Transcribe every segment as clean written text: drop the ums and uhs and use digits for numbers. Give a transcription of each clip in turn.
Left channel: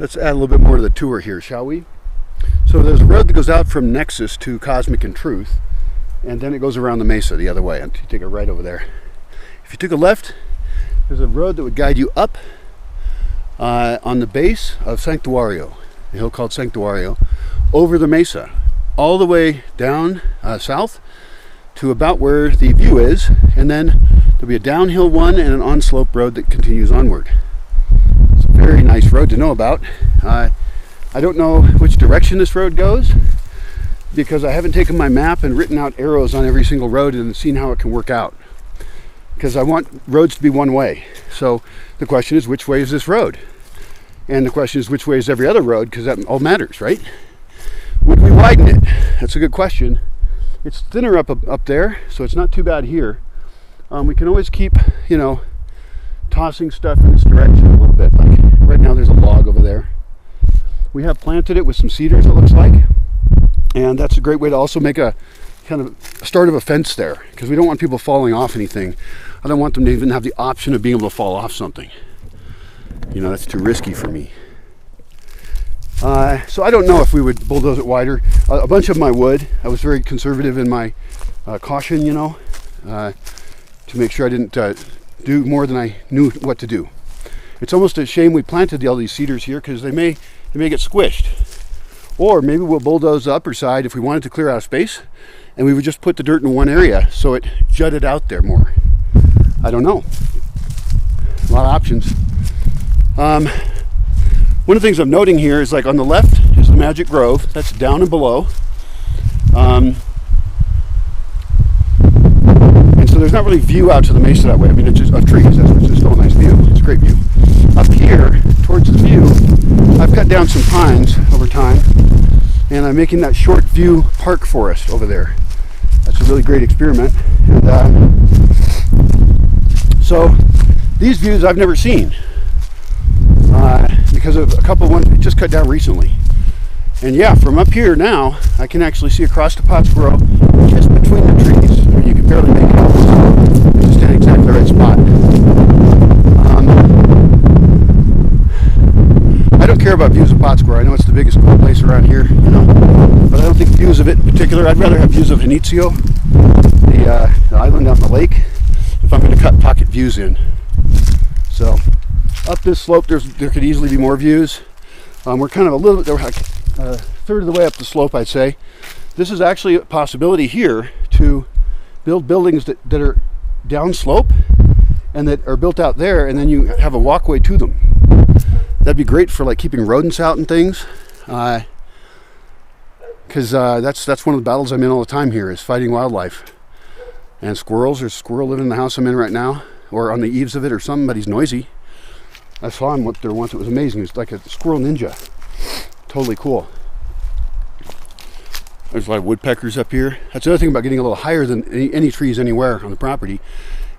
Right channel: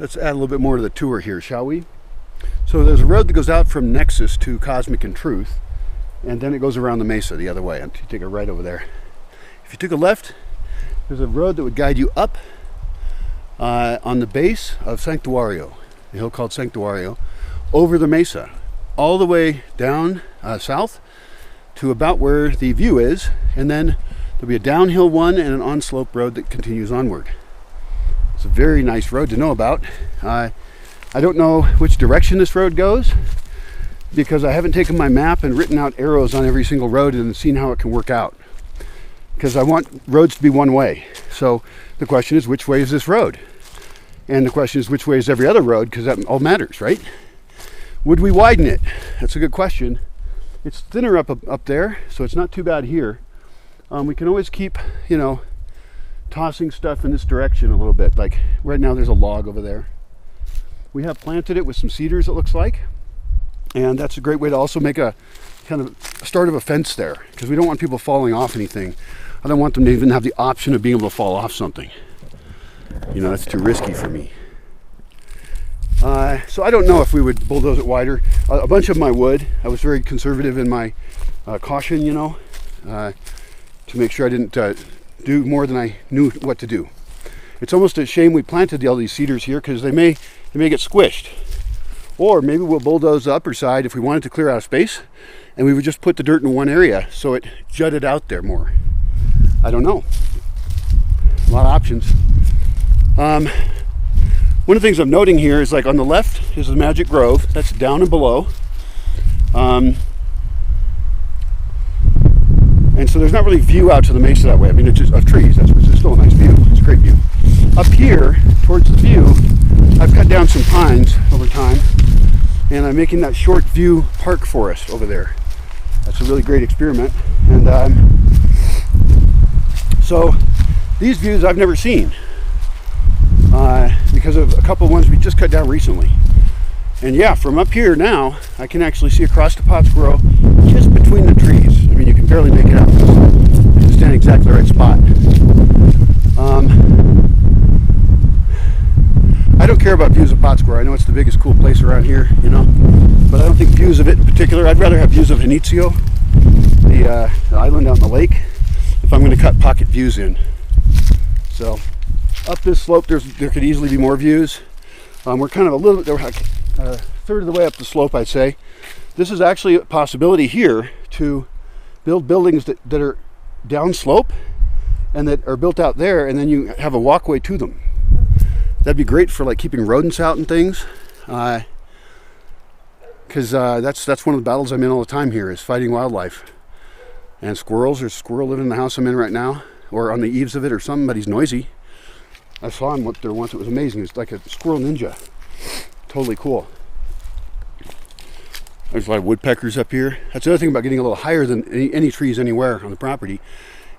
Let's add a little bit more to the tour here, shall we? So there's a road that goes out from Nexus to Cosmic and Truth, and then it goes around the mesa the other way. And you take a right over there. If you took a left, there's a road that would guide you up on the base of Sanctuario, a hill called Sanctuario, over the mesa, all the way down south to about where the view is, and then there'll be a downhill one and an on-slope road that continues onward. It's a very nice road to know about. I don't know which direction this road goes because I haven't taken my map and written out arrows on every single road and seen how it can work out, because I want roads to be one way. So the question is, which way is this road? And the question is, which way is every other road? Because that all matters, right? Would we widen it? That's a good question. It's thinner up there, so it's not too bad here. We can always keep, tossing stuff in this direction a little bit. Like right now there's a log over there. We have planted it with some cedars, it looks like. And that's a great way to also make a kind of start of a fence there, because we don't want people falling off anything. I don't want them to even have the option of being able to fall off something. That's too risky for me. So I don't know if we would bulldoze it wider. A bunch of my wood. I was very conservative in my caution, to make sure I didn't do more than I knew what to do. It's almost a shame we planted all these cedars here, because they may get squished. Or maybe we'll bulldoze the upper side if we wanted to clear out space, and we would just put the dirt in one area so it jutted out there more. I don't know. A lot of options. One of the things I'm noting here is, like, on the left is the Magic Grove. That's down and below. And so there's not really view out to the mesa that way. I mean, it's just of trees. It's still a nice view. It's a great view. Up here, towards the view, I've cut down some pines over time, and I'm making that short view park forest over there. That's a really great experiment. And so these views I've never seen because of a couple of ones we just cut down recently. And yeah, from up here now, I can actually see across the Pottsboro just between the trees. I mean, you can barely make it out. It's just in exactly the right spot. I don't care about views of Pottsboro. I know it's the biggest cool place around here, but I don't think views of it in particular. I'd rather have views of Inizio, the island out in the lake, if I'm going to cut pocket views in. So up this slope, there could easily be more views. We're kind of we're like a third of the way up the slope, I'd say. This is actually a possibility here to build buildings that are downslope and that are built out there, and then you have a walkway to them. That'd be great for, like, keeping rodents out and things, because that's one of the battles I'm in all the time here, is fighting wildlife and squirrels. There's a squirrel living in the house I'm in right now, or on the eaves of it, or something, but he's noisy. I saw him up there once. It was amazing. He was like a squirrel ninja. Totally cool. There's a lot of woodpeckers up here. That's the other thing about getting a little higher than any trees anywhere on the property,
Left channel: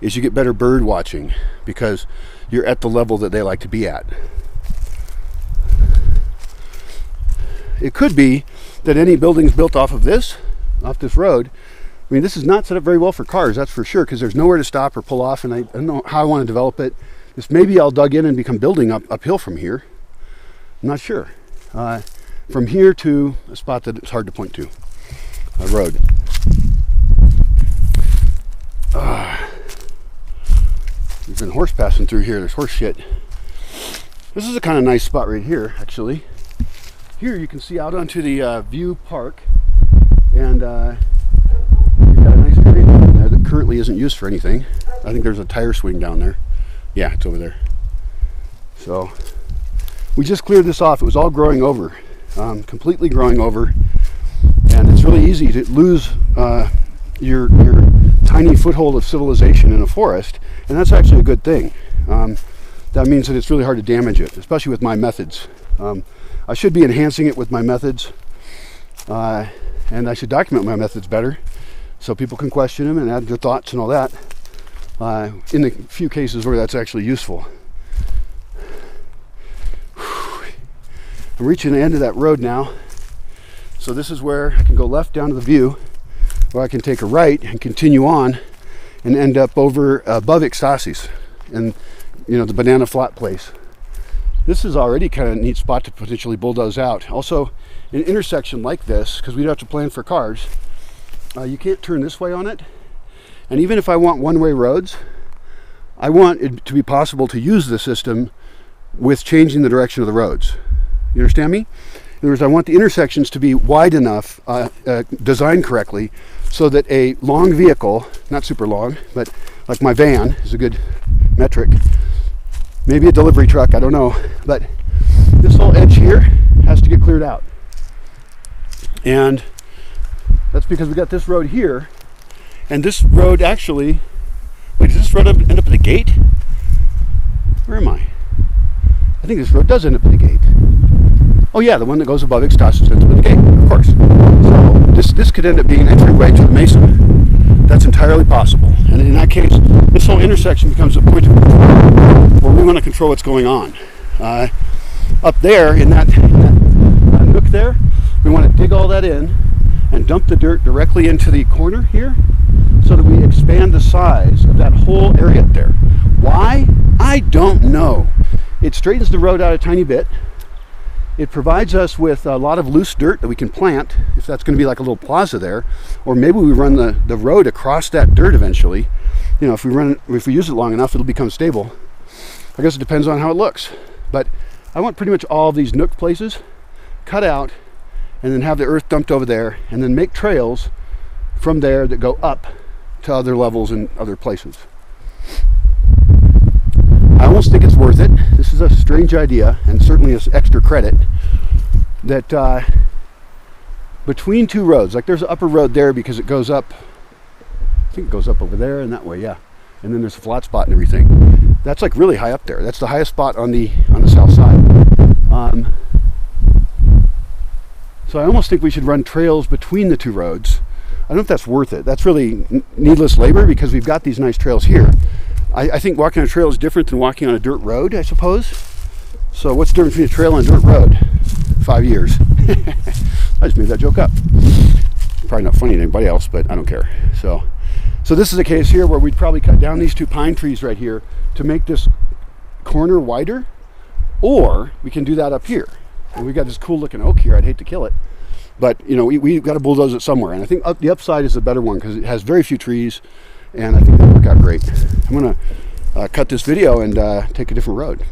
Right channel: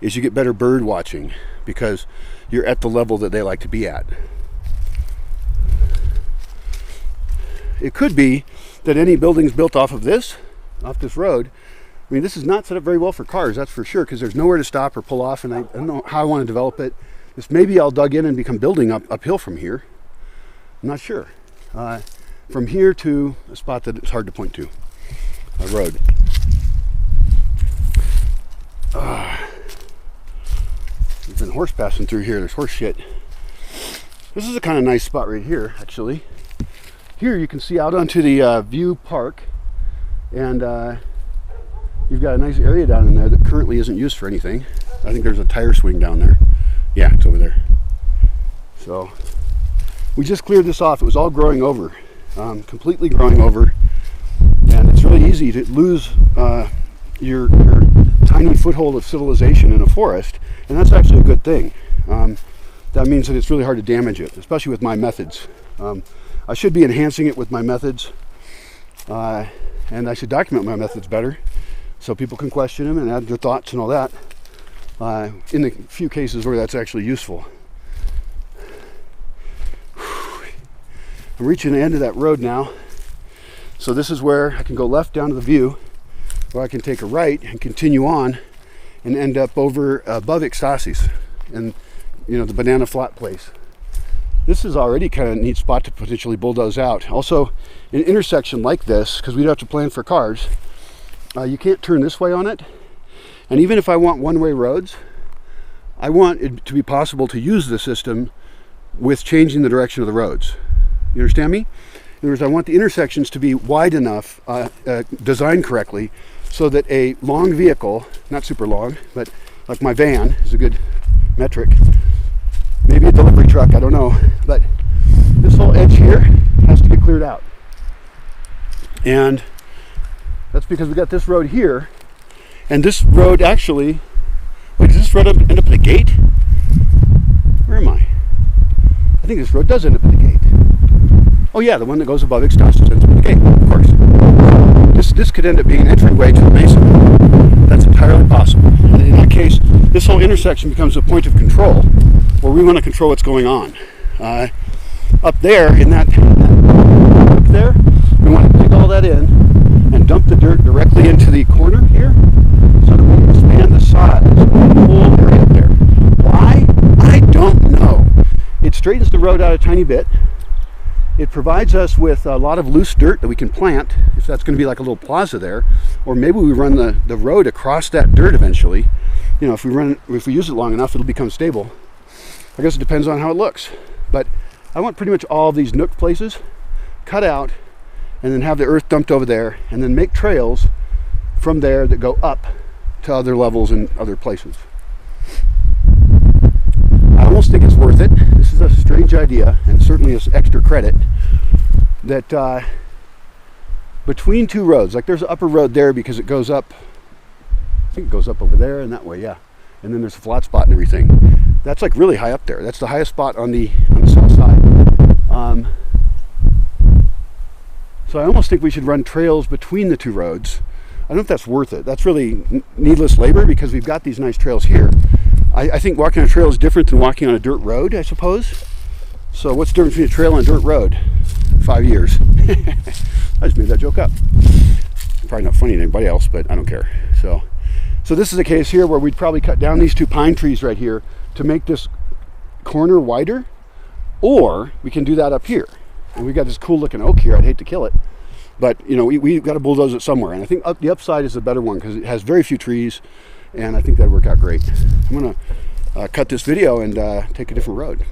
is you get better bird watching because you're at the level that they like to be at. It could be that any buildings built off this road, I mean, this is not set up very well for cars, that's for sure, because there's nowhere to stop or pull off, and I don't know how I want to develop it. This maybe I'll dug in and become building uphill from here. I'm not sure. From here to a spot that it's hard to point to, a road. There's been horse passing through here. There's horse shit. This is a kind of nice spot right here, actually. Here you can see out onto the View Park, and you've got a nice area down in there that currently isn't used for anything. I think there's a tire swing down there. Yeah, it's over there. So we just cleared this off. It was all growing over, completely growing over, and it's really easy to lose your tiny foothold of civilization in a forest, and that's actually a good thing. That means that it's really hard to damage it, especially with my methods. I should be enhancing it with my methods, and I should document my methods better so people can question them and add their thoughts and all that, in the few cases where that's actually useful. I'm reaching the end of that road now, so this is where I can go left down to the View, or I can take a right and continue on and end up over above Ixtasis and the banana flat place. This is already kind of a neat spot to potentially bulldoze out. Also, an intersection like this, because we don't have to plan for cars, you can't turn this way on it. And even if I want one-way roads, I want it to be possible to use the system with changing the direction of the roads. You understand me? In other words, I want the intersections to be wide enough, designed correctly, so that a long vehicle, not super long, but like my van is a good metric, maybe a delivery truck, I don't know, but this whole edge here has to get cleared out. And that's because we got this road here, and this road actually, wait, does this road end up at the gate? Where am I? I think this road does end up at the gate. Oh yeah, the one that goes above Extasas ends up at the gate, of course. So this could end up being an entryway to the mesa. That's entirely possible. And in that case, this whole intersection becomes a point of control where we want to control what's going on. Up there, in that nook there, we want to dig all that in and dump the dirt directly into the corner here so that we expand the size of that whole area up there. Why? I don't know. It straightens the road out a tiny bit. It provides us with a lot of loose dirt that we can plant, if that's going to be like a little plaza there, or maybe we run the road across that dirt eventually. You know, if we use it long enough, it'll become stable. I guess it depends on how it looks. But I want pretty much all of these nook places cut out and then have the earth dumped over there and then make trails from there that go up to other levels and other places. I almost think it's worth it. This is a strange idea, and certainly is extra credit, that between two roads, like there's an upper road there because it goes up, I think it goes up over there and that way, yeah. And then there's a flat spot and everything. That's like really high up there. That's the highest spot on the south side. So I almost think we should run trails between the two roads. I don't know if that's worth it. That's really needless labor because we've got these nice trails here. I think walking on a trail is different than walking on a dirt road, I suppose. So what's the difference between a trail and a dirt road? 5 years. I just made that joke up. Probably not funny to anybody else, but I don't care. So this is a case here where we'd probably cut down these two pine trees right here to make this corner wider, or we can do that up here. And we got this cool looking oak here. I'd hate to kill it, but you know, we've got to bulldoze it somewhere. And I think the upside is the better one because it has very few trees. And I think that'll work out great. I'm going to cut this video and take a different road.